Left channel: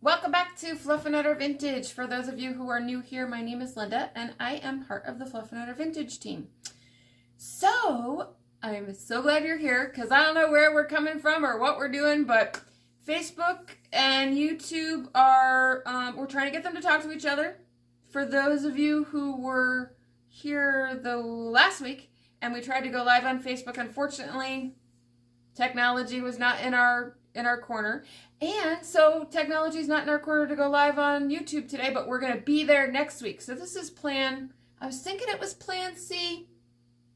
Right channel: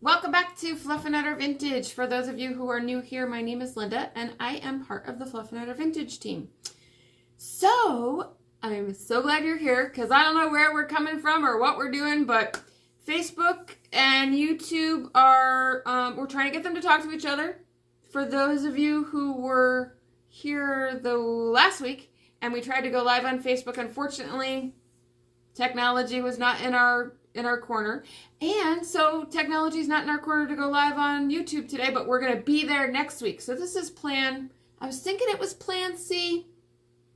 Welcome back to Fluff and Utter Vintage. For those of you who are new here, my name is Linda and I am part of the Fluff and Utter Vintage team. So, I'm so glad you're here because I don't know where we're coming from or what we're doing, but Facebook and YouTube are, we're trying to get them to talk to each other. For those of you who were here the last week and we tried to go live on Facebook, unfortunately, technology was not in our corner. And so technology is not in our corner to go live on YouTube today, but we're going to be there next week. So this is plan, I was thinking it was plan C,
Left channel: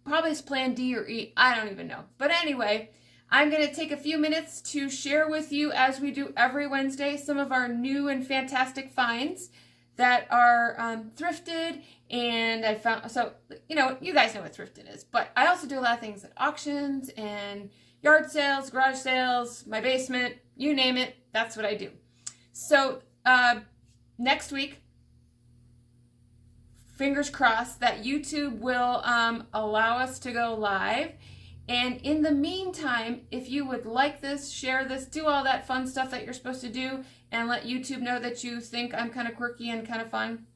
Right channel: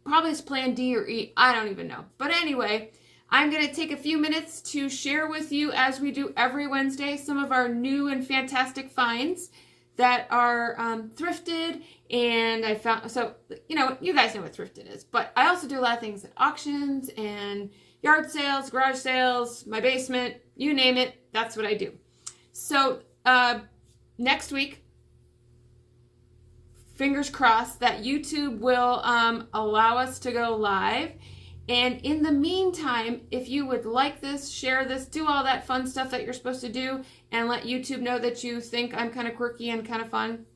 probably it's plan D or E, I don't even know. But anyway, I'm going to take a few minutes to share with you, as we do every Wednesday, some of our new and fantastic finds that are thrifted. And I found, so, you know, you guys know what thrifted is, but I also do a lot of things at auctions and yard sales, garage sales, my basement, you name it, that's what I do. So next week, fingers crossed that YouTube will allow us to go live. And in the meantime, if you would like this, share this, do all that fun stuff that you're supposed to do, and let YouTube know that you think I'm kind of quirky and kind of fun,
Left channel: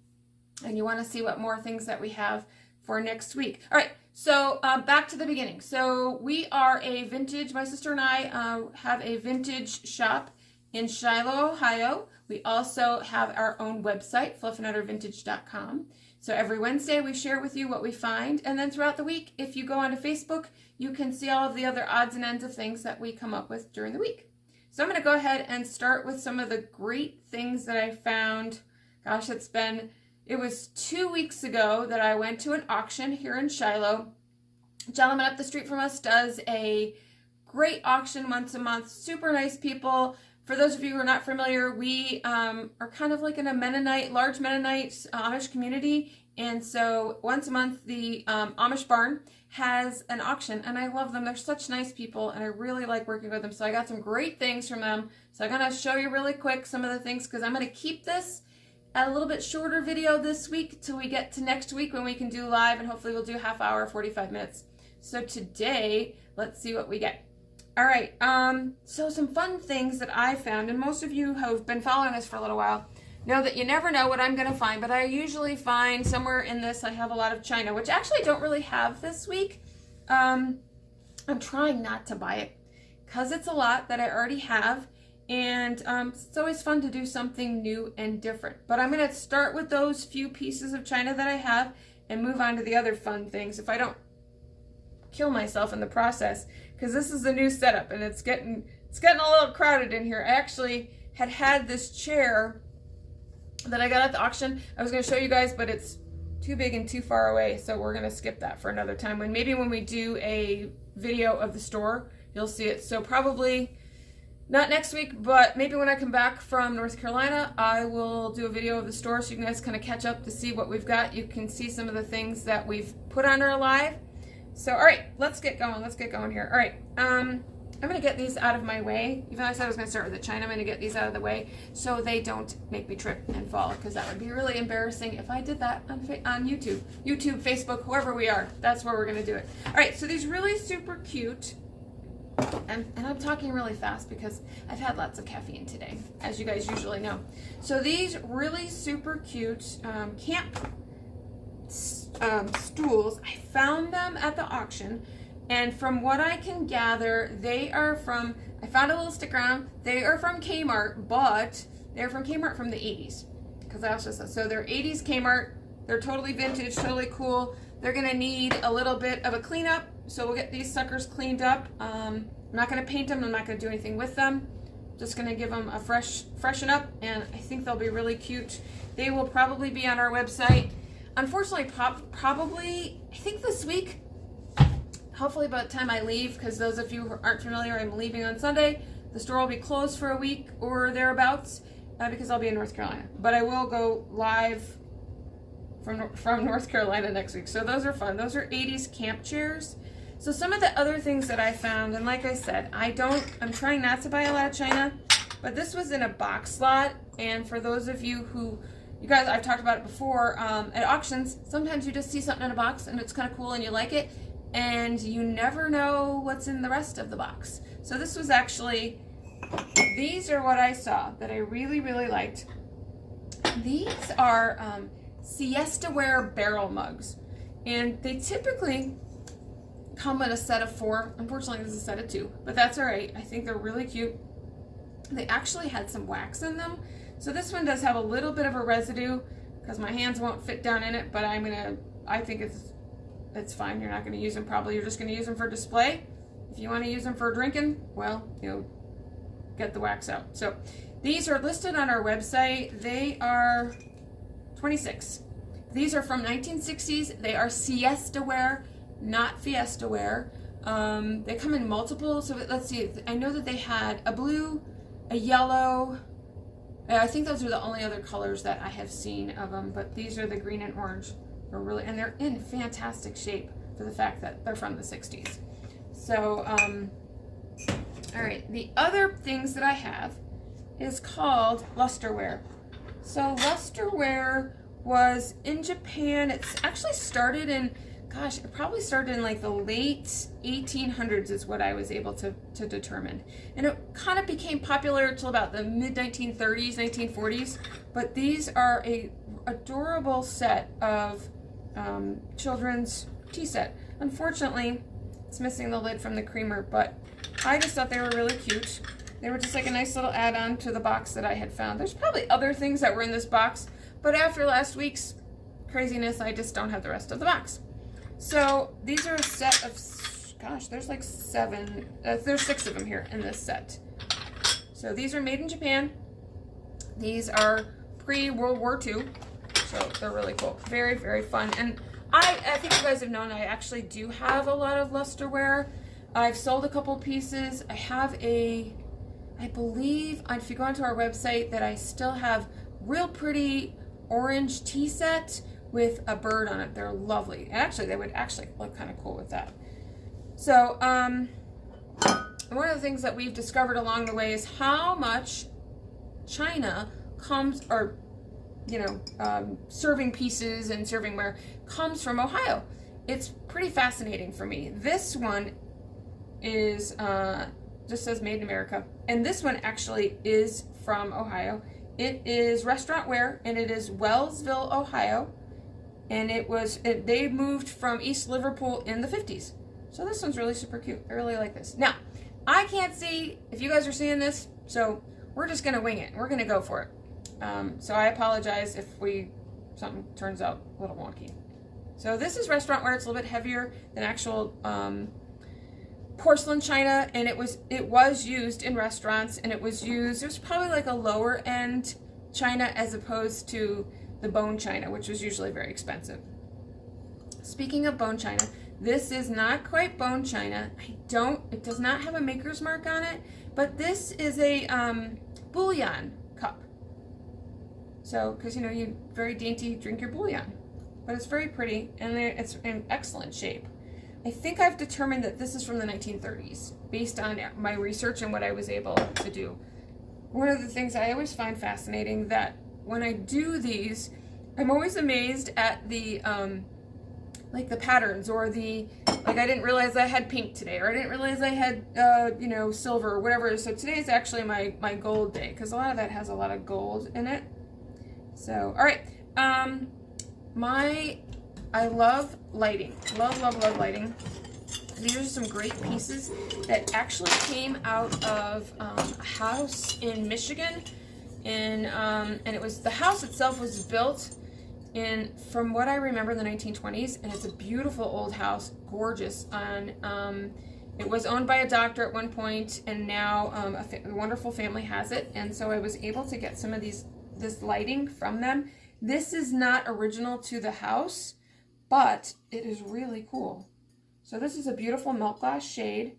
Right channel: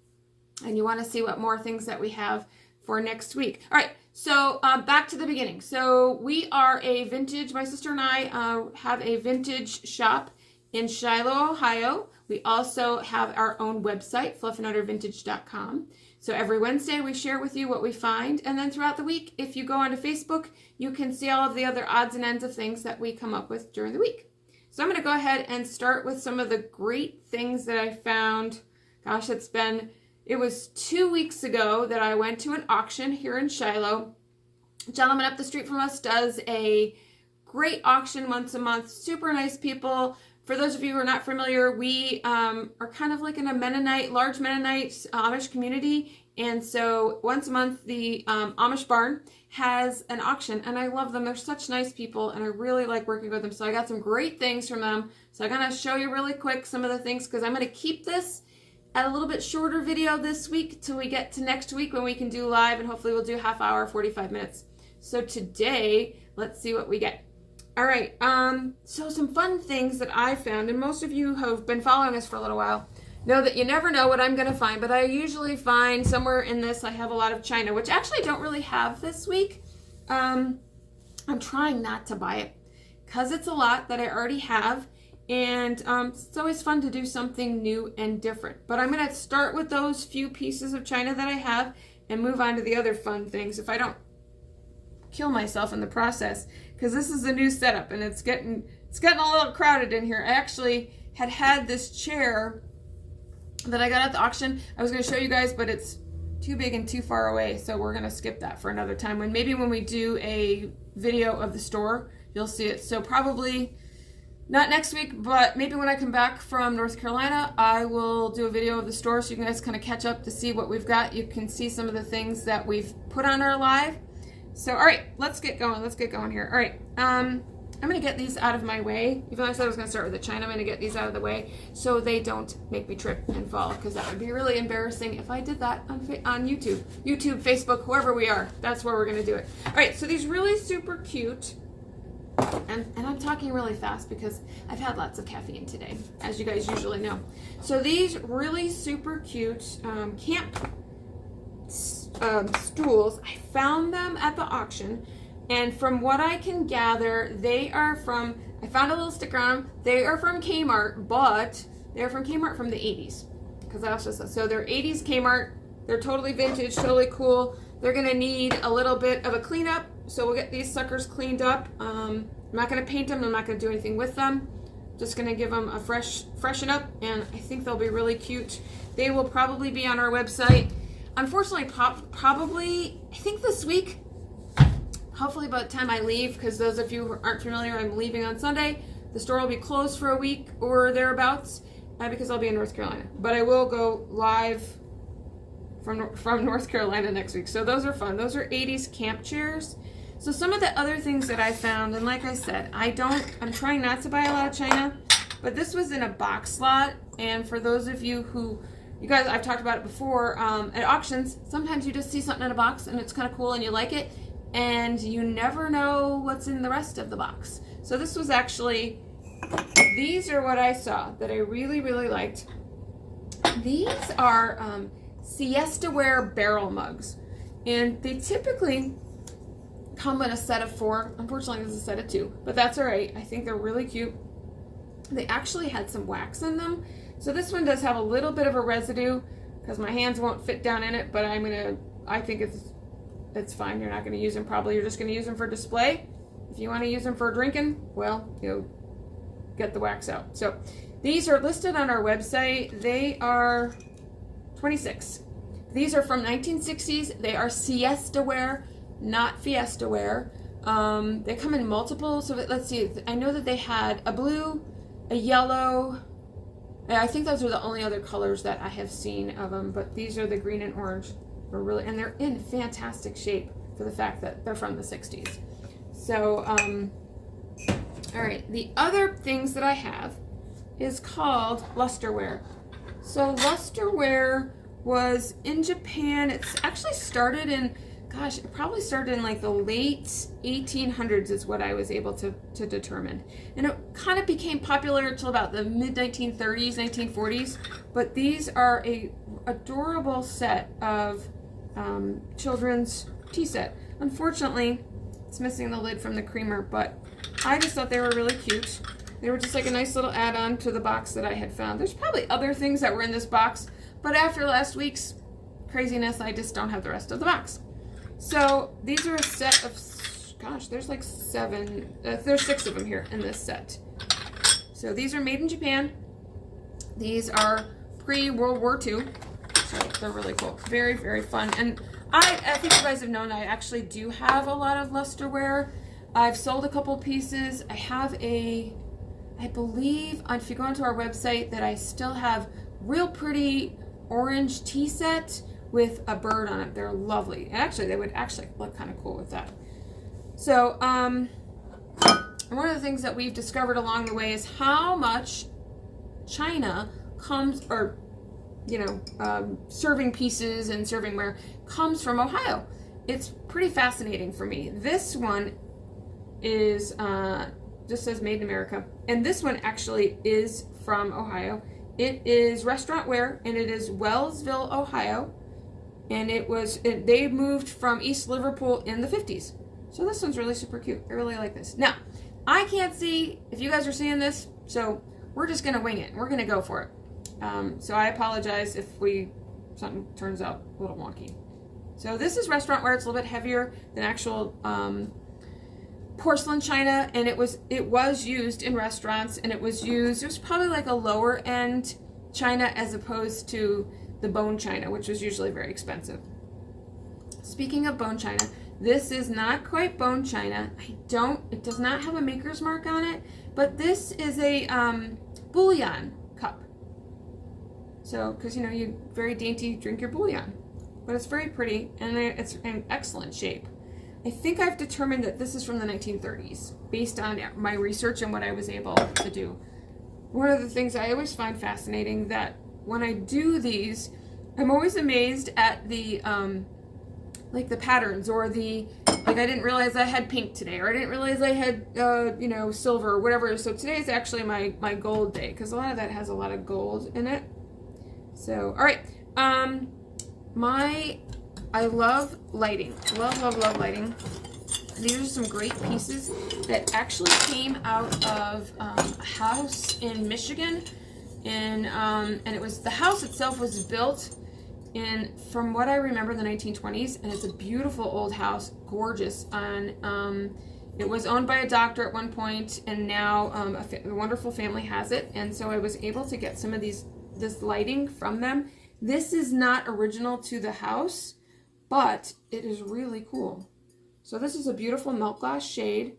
and you want to see what more things that we have for next week. All right. So back to the beginning. So we are a vintage, my sister and I have a vintage shop in Shiloh, Ohio. We also have our own website, fluffanduttervintage.com. So every Wednesday we share with you what we find. And then throughout the week, if you go onto Facebook, you can see all of the other odds and ends of things that we come up with during the week. So I'm going to go ahead and start with some of the great things that I found. Gosh, it was 2 weeks ago that I went to an auction here in Shiloh. A gentleman up the street from us does a great auction once a month. Super nice people. For those of you who are not familiar, we are kind of like in a Mennonite, large Mennonite Amish community. And so once a month, the Amish barn has an auction, and I love them. They're such nice people, and I really like working with them. So I got some great things from them. So I'm going to show you really quick some of the things, because I'm going to keep this a little bit shorter video this week till we get to next week when we can do live, and hopefully we'll do half hour, 45 minutes. So today, let's see what we get. All right, so some fun things that I found, and most of you who have been following us for a little while know that you never know what I'm going to find, but I usually find somewhere in this, I have a lot of china, which actually I don't really have this week. I'm trying not to buy it because it's a lot that I already have. And it's always fun to do something new and different. But I'm going to start with those few pieces of china that I have and move on to the other fun things if I don't kill myself in the process, because this is the new setup and it's getting a little crowded in here. I actually had this chair that I got at the auction. I was going to show you guys, but it's too big and too far away, so we're going to skip that for another time. When we do a video of the store, you'll see it. So probably not next week, but maybe when I come back from North Carolina, I will do a video of the store so you guys kind of catch up to see what we've got. You can see some of the things that we've put on our live. So, all right, let's get going. Let's get going here. All right, I'm going to get these out of my way. Even though I said I was going to start with the china, I'm going to get these out of the way so they don't make me trip and fall, because that would be really embarrassing if I did that on YouTube, Facebook, whoever we are. That's where we're going to do it. All right, so these really super cute. And I'm talking really fast because I've had lots of caffeine today, as you guys usually know. So these really super cute camp stools, I found them at the auction, and from what I can gather, they are from, I found a little sticker on them, they are from Kmart, but they're from Kmart from the 80s, because I also said, so they're 80s Kmart, they're totally vintage, totally cool. They're going to need a little bit of a cleanup, so we'll get these suckers cleaned up. I'm not going to paint them, I'm not going to do anything with them. Just going to give them a freshen up, and I think they'll be really cute. They will probably be on our website. Unfortunately, probably, I think this week, hopefully by the time I leave, because those of you who aren't familiar, I'm leaving on Sunday. The store will be closed for a week or thereabouts, because I'll be in North Carolina. But I will go live from North Carolina next week. So those are fun. Those are 80s camp chairs. So some of the other things that I found, and like I said, I'm trying not to buy a lot of china, but this was in a box slot. And for those of you who, you guys, I've talked about it before, at auctions, sometimes you just see something in a box and it's kind of cool and you like it, and you never know what's in the rest of the box. So this was actually these are what I saw that I really, really liked. These are siesta-ware barrel mugs, and they typically come in a set of 4. Unfortunately, this is a set of 2, but that's all right. I think they're really cute. They actually had some wax in them, so this one does have a little bit of a residue because my hands won't fit down in it, but I think it's fine. You're not going to use them probably. You're just going to use them for display. If you want to use them for drinking, well, get the wax out. So these are listed on our website. They are $26. These are from 1960s. They are siesta wear, not fiesta wear. They come in multiple. So let's see. I know that they had a blue, a yellow. I think those are the only other colors that I have seen of them. But these are the green and orange. And they're in fantastic shape for the fact that they're from the 60s. So, all right. The other things that I have is called lusterware. So lusterware was in Japan. It's actually started in, gosh, it probably started in like the late 1800s is what I was able to determine. And it kind of became popular until about the mid-1930s, 1940s. But these are a adorable set of children's tea set. Unfortunately, it's missing the lid from the creamer, but I just thought they were really cute. They were just like a nice little add-on to the box that I had found. There's probably other things that were in this box, but after last week's craziness, I just don't have the rest of the box. So these are a set of, gosh, there's like 7, there's 6 of them here in this set. So these are made in Japan. These are pre-World War II, so they're really cool. Very, very fun. And I think you guys have known I actually do have a lot of lusterware. I've sold a couple pieces. I have I believe, if you go onto our website, that I still have real pretty orange tea set with a bird on it. They're lovely. And actually, they would actually look kind of cool with that. So, one of the things that we've discovered along the way is how much china comes, or, serving pieces and servingware comes from Ohio. It's pretty fascinating for me. This one is, just says made in America. And this one actually is from Ohio. It is restaurant ware, and it is Wellsville, Ohio. And they moved from East Liverpool in the 50s. So this one's really super cute. I really like this. Now, I can't see if you guys are seeing this, so we're just gonna wing it. We're gonna go for it. So I apologize if something turns out a little wonky. So this is restaurant ware. It's a little bit heavier than actual porcelain china, and it was used in restaurants, and it was probably like a lower end china as opposed to the bone china, which was usually very expensive. Speaking of bone china, this is not quite bone china. It does not have a maker's mark on it, but this is a bouillon cup. So, because you very dainty drink your bouillon, but it's very pretty, and it's in excellent shape. I think I've determined that this is from the 1930s based on my research and what I was able to do. One of the things I always find fascinating that when I do these, I'm always amazed at the like the patterns, or I didn't realize I had pink today, or I didn't realize I had silver or whatever. So today is actually my gold day, because a lot of that has a lot of gold in it. So all right, I love lighting. Love lighting. These are some great pieces that actually came out of a house in Michigan, and the house itself was built from what I remember, the 1920s, and it's a beautiful old house, gorgeous. It was owned by a doctor at one point, and now a wonderful family has it, and so I was able to get some of this lighting from them. This is not original to the house, but it is really cool. So this is a beautiful milk glass shade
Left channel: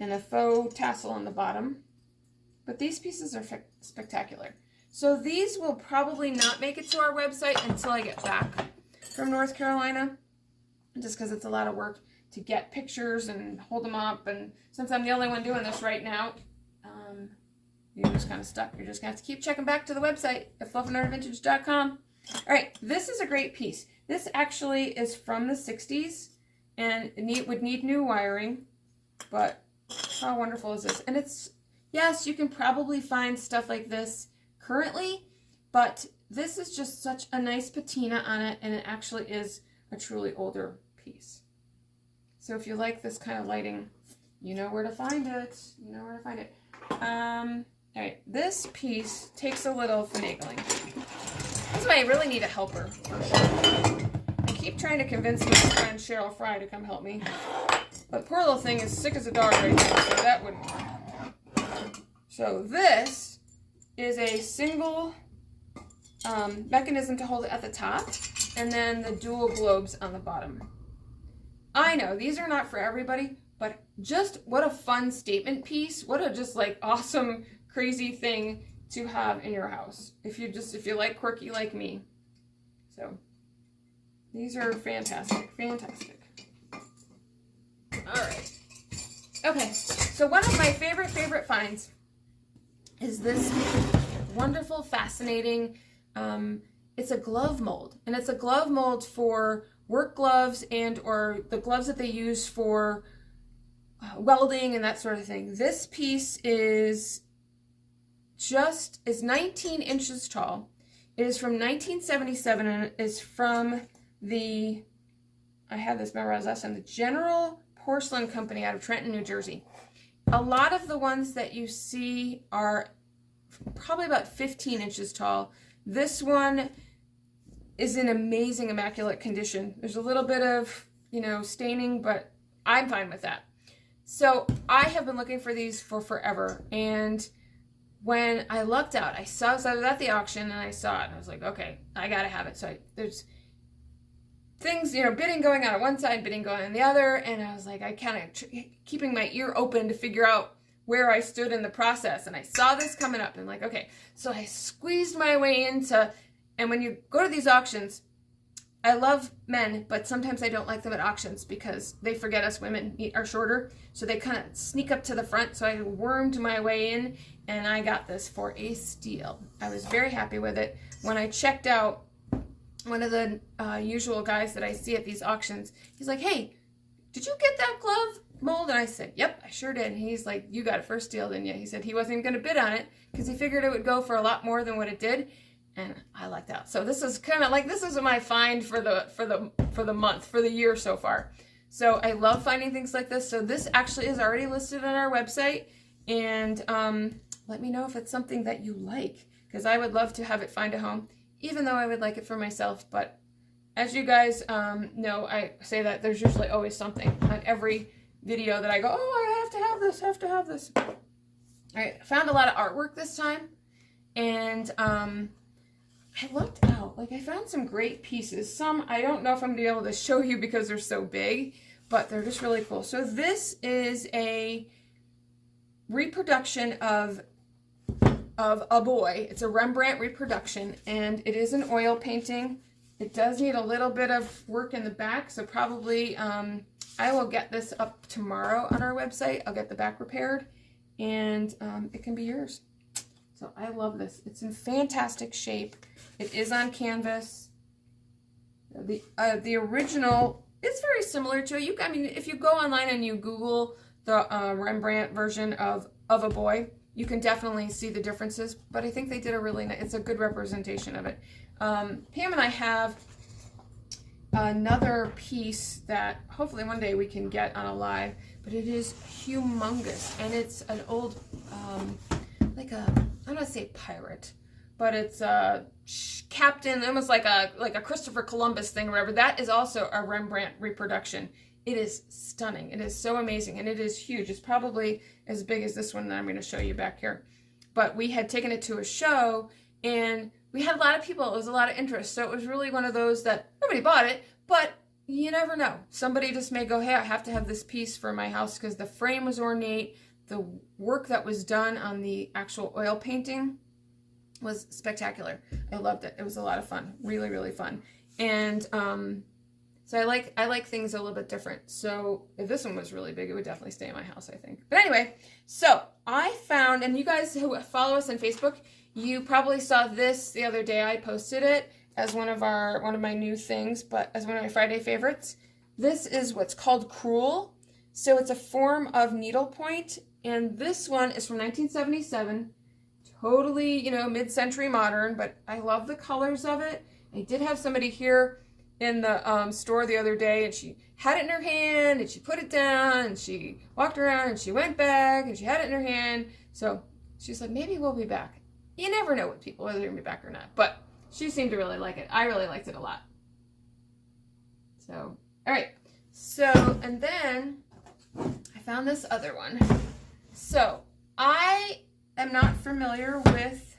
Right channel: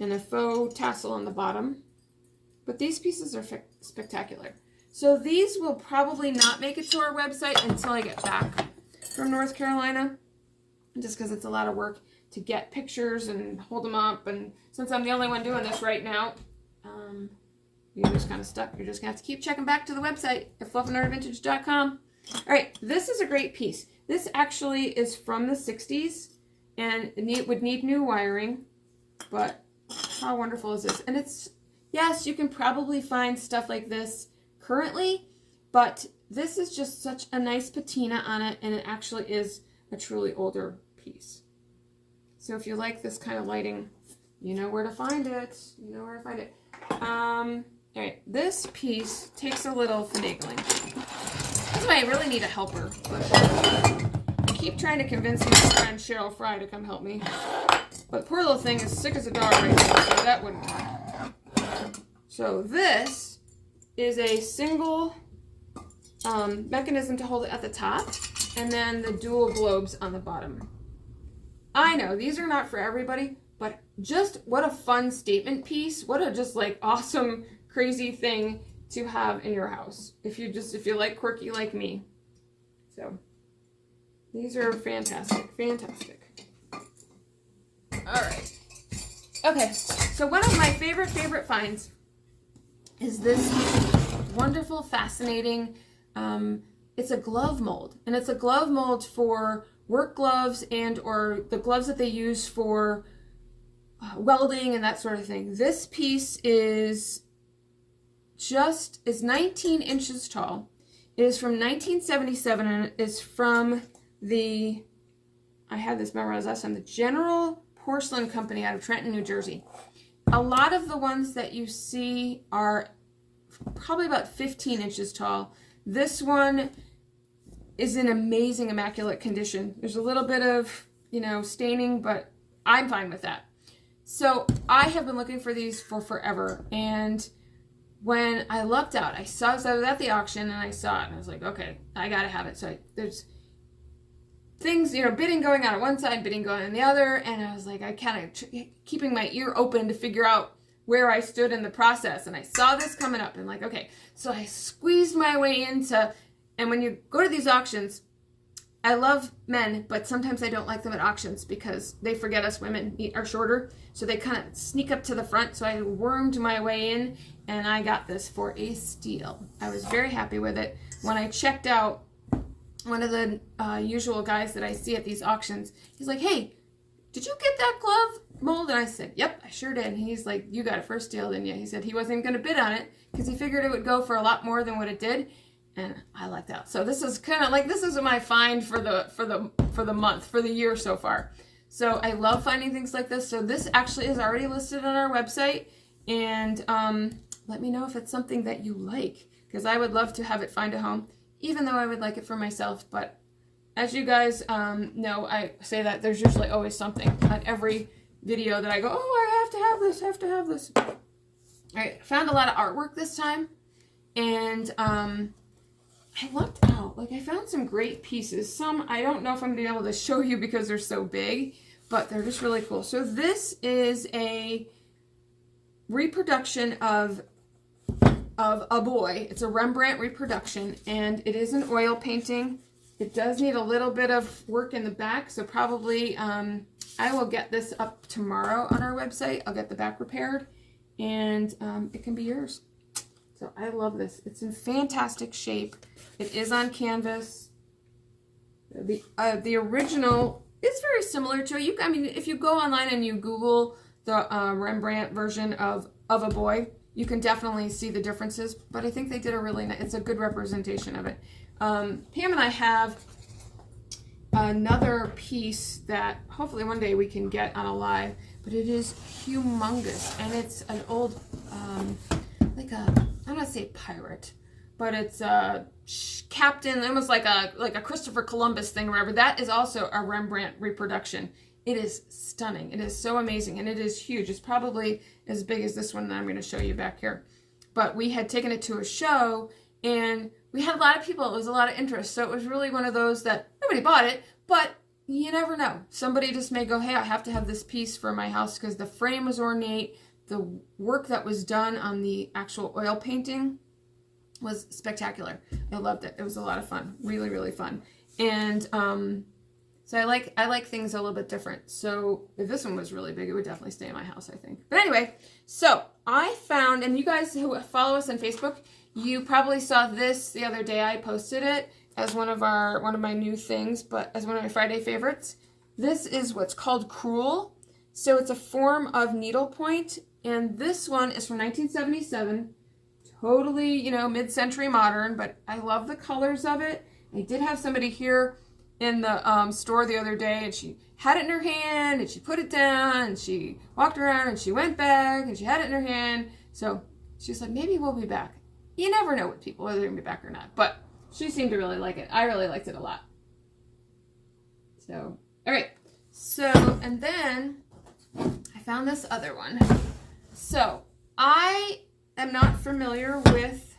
and a faux tassel on the bottom. But these pieces are spectacular. So these will probably not make it to our website until I get back from North Carolina, just because it's a lot of work to get pictures and hold them up. And since I'm the only one doing this right now, you're just kind of stuck. You're just going to have to keep checking back to the website at fluffandardvintage.com. All right, this is a great piece. This actually is from the 60s, and it would need new wiring, but how wonderful is this? And Yes, you can probably find stuff like this currently, but this is just such a nice patina on it, and it actually is a truly older piece. So if you like this kind of lighting, you know where to find it. You know where to find it. All right, this piece takes a little finagling. That's why I really need a helper. I keep trying to convince my friend Cheryl Fry to come help me. But poor little thing is sick as a dog right now, so that wouldn't work. So this is a single mechanism to hold it at the top, and then the dual globes on the bottom. I know these are not for everybody, but just what a fun statement piece. What a just like awesome, crazy thing to have in your house. If you like quirky like me. So these are fantastic, fantastic. All right. Okay, so one of my favorite finds is this wonderful, fascinating, it's a glove mold. And it's a glove mold for work gloves and or the gloves that they use for welding and that sort of thing. This piece is 19 inches tall. It is from 1977 and it is from the, I have this memorized last time, the General Porcelain Company out of Trenton, New Jersey. A lot of the ones that you see are probably about 15 inches tall. This one is in amazing, immaculate condition. There's a little bit of, staining, but I'm fine with that. So I have been looking for these for forever. And when I lucked out, I was at the auction and I saw it and I was like, okay, I gotta have it. So there's things, bidding going on one side, bidding going on the other. And I was like, I kind of keeping my ear open to figure out where I stood in the process. And I saw this coming up and like, okay, so I squeezed my way into, and when you go to these auctions, I love men, but sometimes I don't like them at auctions because they forget us women are shorter. So they kind of sneak up to the front. So I wormed my way in and I got this for a steal. I was very happy with it. When I checked out, one of the usual guys that I see at these auctions, he's like, hey, did you get that glove mold? And I said, yep, I sure did. And he's like, you got it for a steal, didn't you? He said he wasn't even going to bid on it because he figured it would go for a lot more than what it did. And I lucked out. So this is kind of like, this is my find for the month, for the year so far. So I love finding things like this. So this actually is already listed on our website. And let me know if it's something that you like, because I would love to have it find a home, even though I would like it for myself. But as you guys know, I say that there's usually always something on every video that I go, oh, I have to have this. All right, I found a lot of artwork this time. And I lucked out. Like, I found some great pieces. Some I don't know if I'm going to be able to show you because they're so big, but they're just really cool. So this is a reproduction of a boy. It's a Rembrandt reproduction, and it is an oil painting. It does need a little bit of work in the back, so probably I will get this up tomorrow on our website. I'll get the back repaired, and it can be yours. So I love this. It's in fantastic shape. It is on canvas. The original is very similar to it. I mean, if you go online and you Google the Rembrandt version of a boy, you can definitely see the differences. But I think they did a really nice, it's a good representation of it. Pam and I have another piece that hopefully one day we can get on a live, but it is humongous, and it's an old, like a, I don't want to say pirate, but it's a captain, almost like a Christopher Columbus thing or whatever. That is also a Rembrandt reproduction. It is stunning. It is so amazing, and it is huge. It's probably as big as this one that I'm going to show you back here. But we had taken it to a show, and we had a lot of people. It was a lot of interest. So it was really one of those that nobody bought it, but you never know. Somebody just may go, hey, I have to have this piece for my house because the frame was ornate. The work that was done on the actual oil painting was spectacular. I loved it. It was a lot of fun. Really, really fun. And so I like things a little bit different. So if this one was really big, it would definitely stay in my house, I think. But anyway, so I found, and you guys who follow us on Facebook, you probably saw this the other day. I posted it as one of my new things, but as one of my Friday favorites. This is what's called Cruel. So it's a form of needlepoint, and this one is from 1977. Totally, you know, mid-century modern, but I love the colors of it. I did have somebody here in the store the other day, and she had it in her hand, and she put it down, and she walked around, and she went back, and she had it in her hand. So she said, maybe we'll be back. You never know with people, whether they're going to be back or not. But she seemed to really like it. I really liked it a lot. So, all right. So, and then I found this other one. So, I am not familiar with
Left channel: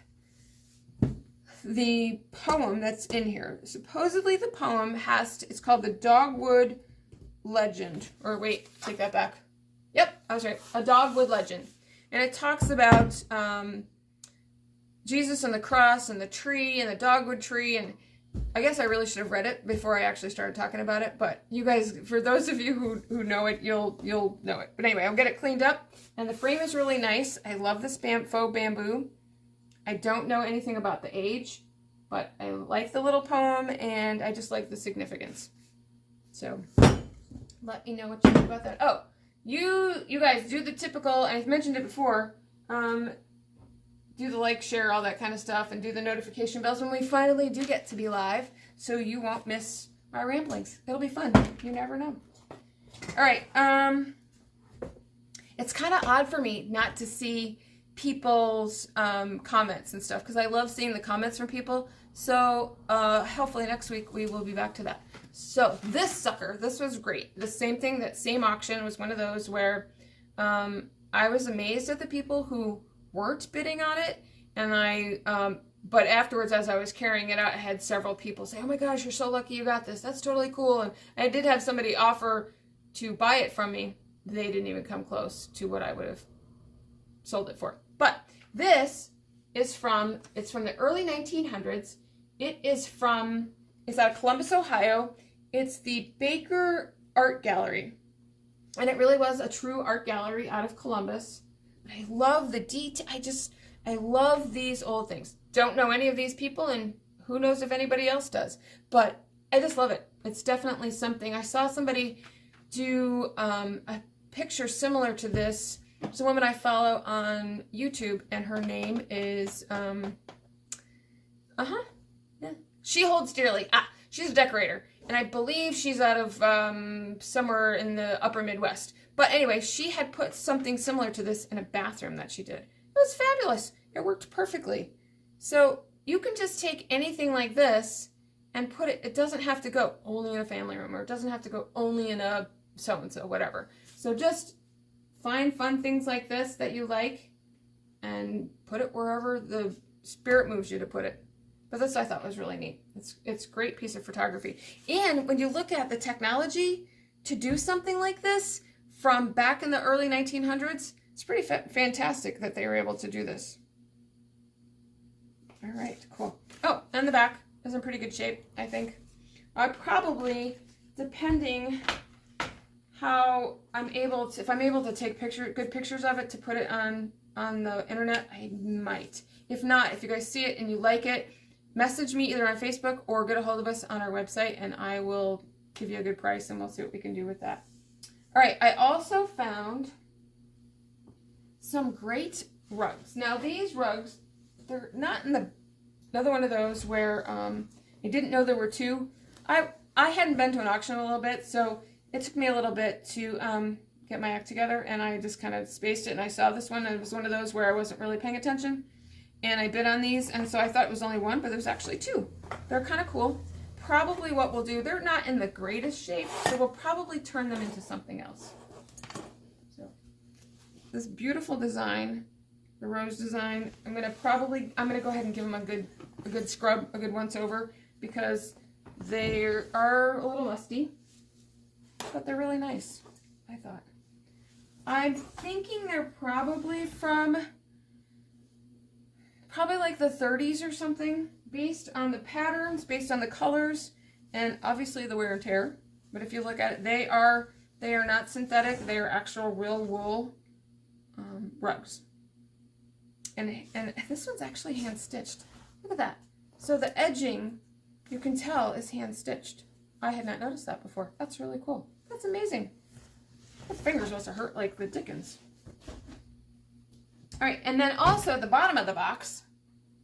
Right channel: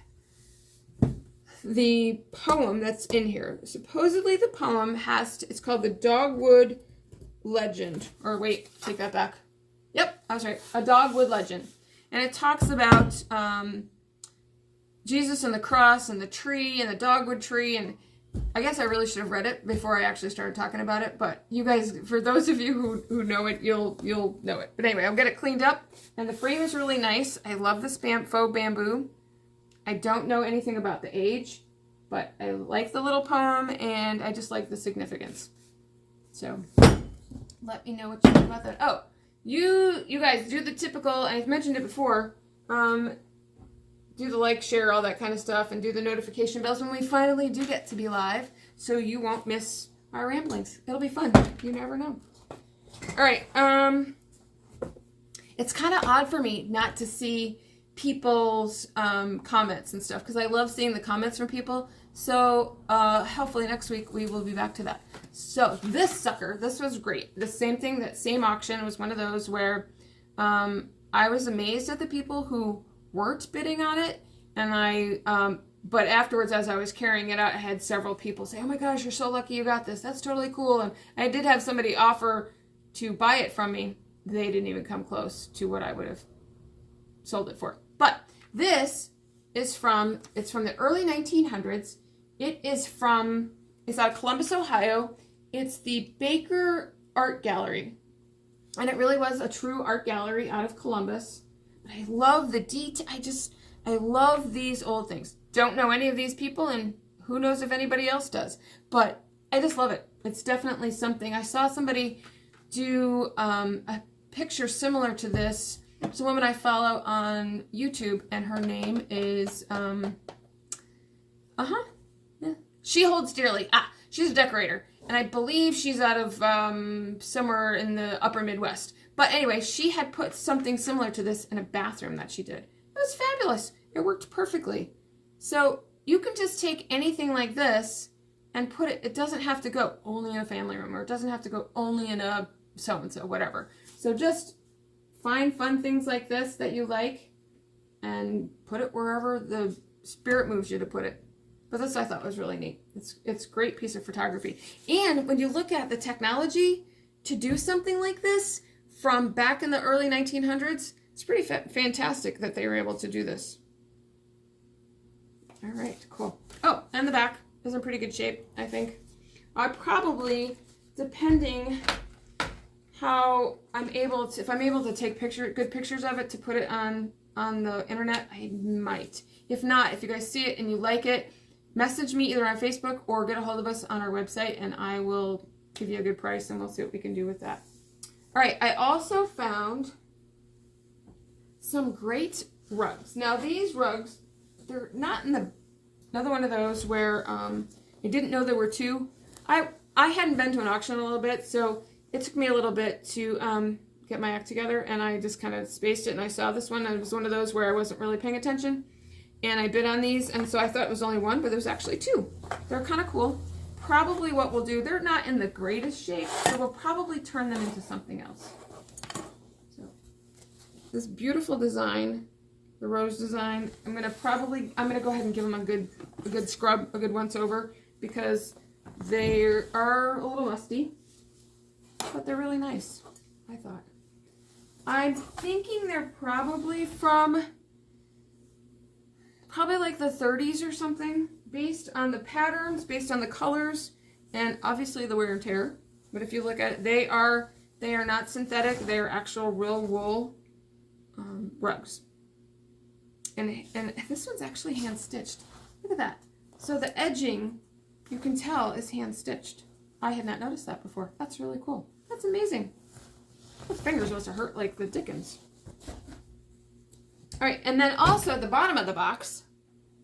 the poem that's in here. Supposedly the poem it's called the Dogwood Legend. Or wait, take that back. Yep, I was right. A Dogwood Legend. And it talks about Jesus and the cross and the tree and the dogwood tree. And I guess I really should have read it before I actually started talking about it. But you guys, for those of you who know it, you'll know it. But anyway, I'll get it cleaned up. And the frame is really nice. I love this faux bamboo. I don't know anything about the age, but I like the little poem, and I just like the significance. So let me know what you think about that. Oh, you guys do the typical, and I've mentioned it before, do the like, share, all that kind of stuff, and do the notification bells when we finally do get to be live, so you won't miss our ramblings. It'll be fun. You never know. All right. It's kind of odd for me not to see people's comments and stuff, because I love seeing the comments from people. So hopefully next week we will be back to that. So this sucker, this was great. The same thing, that same auction was one of those where I was amazed at the people who weren't bidding on it, and but afterwards, as I was carrying it out, I had several people say, oh my gosh, you're so lucky you got this. That's totally cool. And I did have somebody offer to buy it from me. They didn't even come close to what I would have sold it for. But this is from the early 1900s. It's out of Columbus, Ohio. It's the Baker Art Gallery. And it really was a true art gallery out of Columbus. I love the detail. I love these old things. Don't know any of these people, and who knows if anybody else does. But I just love it. It's definitely something. I saw somebody do a picture similar to this. It's a woman I follow on YouTube, and her name is, She Holds Dearly. She's a decorator, and I believe she's out of somewhere in the upper Midwest. But anyway, she had put something similar to this in a bathroom that she did. It was fabulous. It worked perfectly. So you can just take anything like this and put it, it doesn't have to go only in a family room, or it doesn't have to go only in a so-and-so, whatever. So just find fun things like this that you like and put it wherever the spirit moves you to put it. But this I thought was really neat. It's a great piece of photography. And when you look at the technology to do something like this from back in the early 1900s, it's pretty fantastic that they were able to do this. All right, cool. Oh, and the back is in pretty good shape, I think. I probably, depending how I'm able to, if I'm able to take good pictures of it to put it on the internet, I might. If not, if you guys see it and you like it, message me either on Facebook or get a hold of us on our website, and I will give you a good price, and we'll see what we can do with that. All right, I also found some great rugs. Now these rugs, they're not in another one of those where I didn't know there were two. I hadn't been to an auction a little bit, so it took me a little bit to get my act together, and I just kind of spaced it, and I saw this one, and it was one of those where I wasn't really paying attention, and I bid on these, and so I thought it was only one, but there's actually two. They're kind of cool. Probably what we'll do, they're not in the greatest shape, so we'll probably turn them into something else. So this beautiful design, the rose design, I'm gonna go ahead and give them a good scrub, a good once over, because they are a little musty, but they're really nice, I thought. I'm thinking they're probably from like the 30s or something, based on the patterns, based on the colors, and obviously the wear and tear. But if you look at it, they are not synthetic. They are actual real wool rugs. And this one's actually hand stitched. Look at that. So the edging, you can tell, is hand stitched. I had not noticed that before. That's really cool. That's amazing. Those fingers must have hurt like the dickens. All right, and then also at the bottom of the box,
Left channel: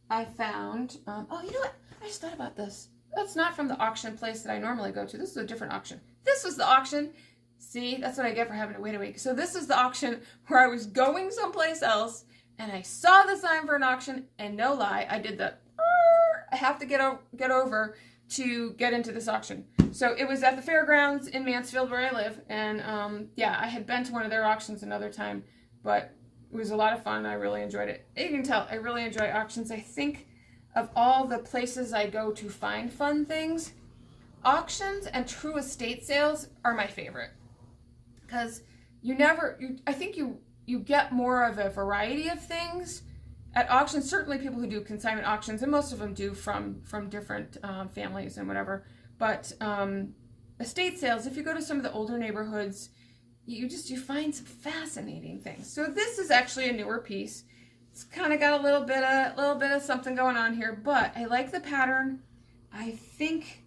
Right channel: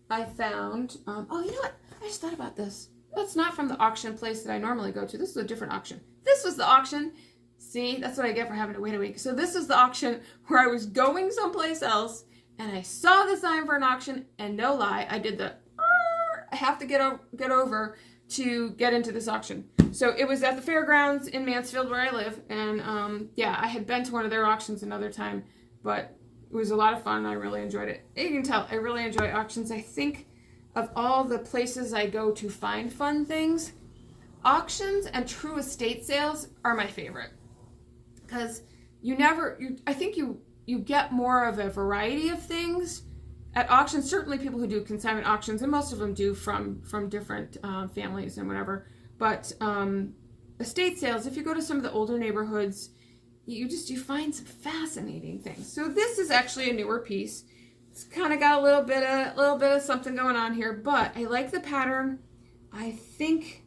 I found, oh, you know what? I just thought about this. That's not from the auction place that I normally go to. This is a different auction. This was the auction. See, that's what I get for having to wait a week. So this is the auction where I was going someplace else, and I saw the sign for an auction, and no lie, I did the, I have to get over to get into this auction. So it was at the fairgrounds in Mansfield where I live, and yeah, I had been to one of their auctions another time, but it was a lot of fun. I really enjoyed it. You can tell I really enjoy auctions. I think of all the places I go to find fun things, auctions and true estate sales are my favorite, because I think you get more of a variety of things at auctions. Certainly people who do consignment auctions, and most of them do from different families and whatever, but estate sales, if you go to some of the older neighborhoods, you find some fascinating things. So this is actually a newer piece. It's kind of got a little bit of something going on here, but I like the pattern. I think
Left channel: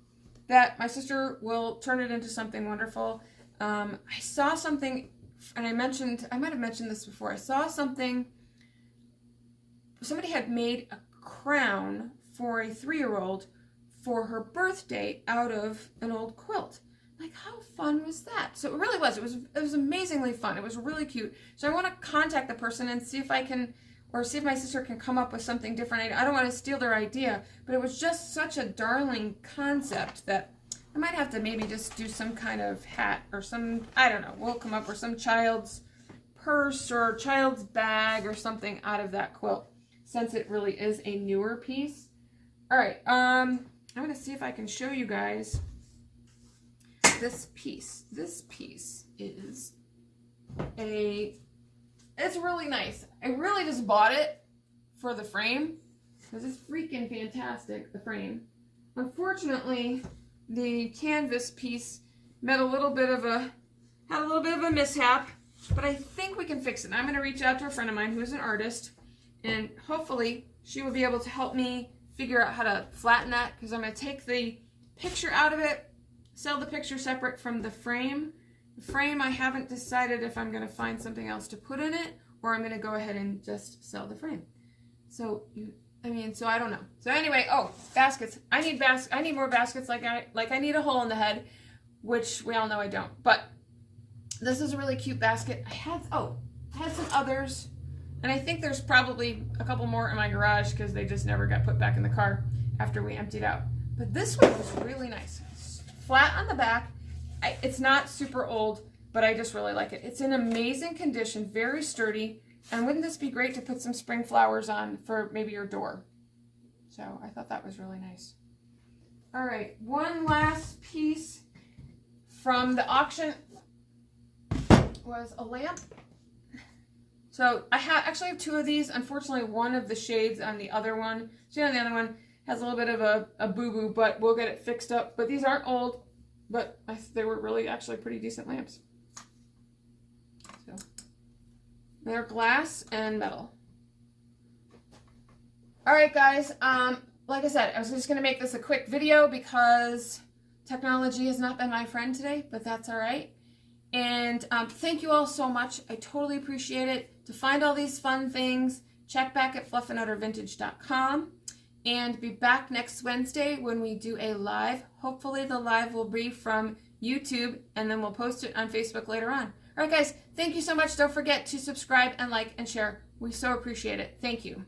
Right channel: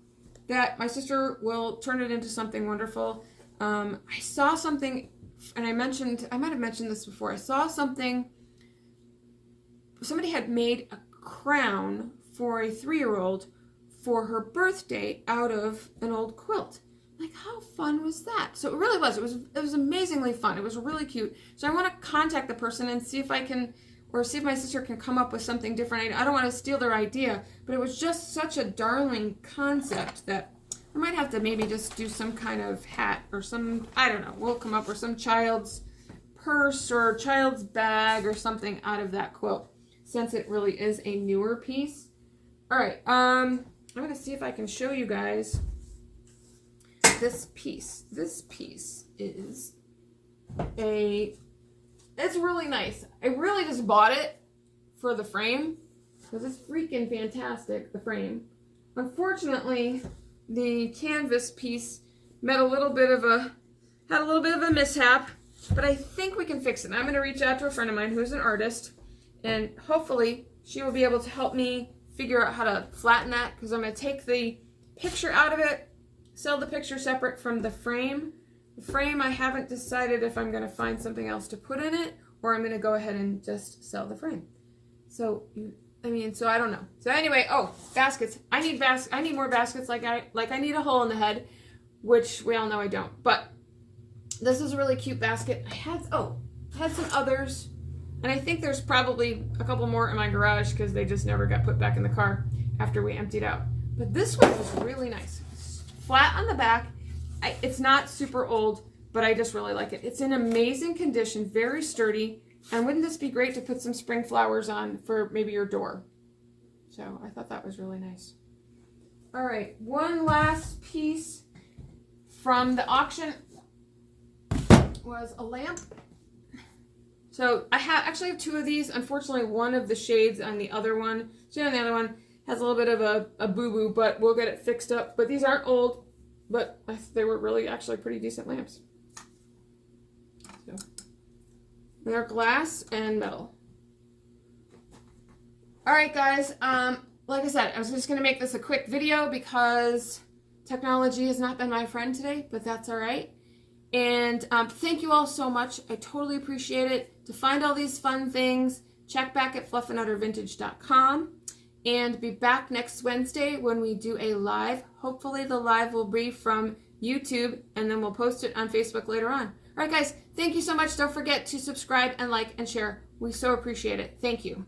that my sister will turn it into something wonderful. I saw something, and I might have mentioned this before. I saw something, somebody had made a crown for a 3-year-old for her birthday out of an old quilt. Like, how fun was that? So it really was. It was amazingly fun. It was really cute. So I want to contact the person and see if I can, or see if my sister can come up with something different. I don't want to steal their idea, but it was just such a darling concept that I might have to maybe just do some kind of hat or some, I don't know, we'll come up with some child's purse or child's bag or something out of that quilt, since it really is a newer piece. All right, I'm going to see if I can show you guys this piece. This piece is it's really nice. I really just bought it for the frame because it's freaking fantastic, the frame. Unfortunately, the canvas piece had a little bit of a mishap, but I think we can fix it. I'm going to reach out to a friend of mine who's an artist, and hopefully she will be able to help me figure out how to flatten that, because I'm going to take the picture out of it, sell the picture separate from the frame. The frame, I haven't decided if I'm going to find something else to put in it, or I'm going to go ahead and just sell the frame. So, so I don't know. So anyway, baskets. I need more baskets like I need a hole in the head, which we all know I don't. But this is a really cute basket. I had some others, and I think there's probably a couple more in my garage because they just never got put back in the car after we emptied out. But this one was really nice. It's flat on the back. It's not super old, but I just really like it. It's in amazing condition, very sturdy. And wouldn't this be great to put some spring flowers on for maybe your door? So I thought that was really nice. All right, one last piece from the auction was a lamp. So I actually have 2 of these. Unfortunately, one of the shades on the other one, has a little bit of a boo-boo, but we'll get it fixed up. But these aren't old, but they were really actually pretty decent lamps. So they're glass and metal. All right, guys. Like I said, I was just going to make this a quick video because technology has not been my friend today, but that's all right. And thank you all so much. I totally appreciate it. To find all these fun things, check back at fluffanduttervintage.com. And be back next Wednesday when we do a live. Hopefully the live will be from YouTube, and then we'll post it on Facebook later on. All right, guys, thank you so much. Don't forget to subscribe and like and share. We so appreciate it. Thank you.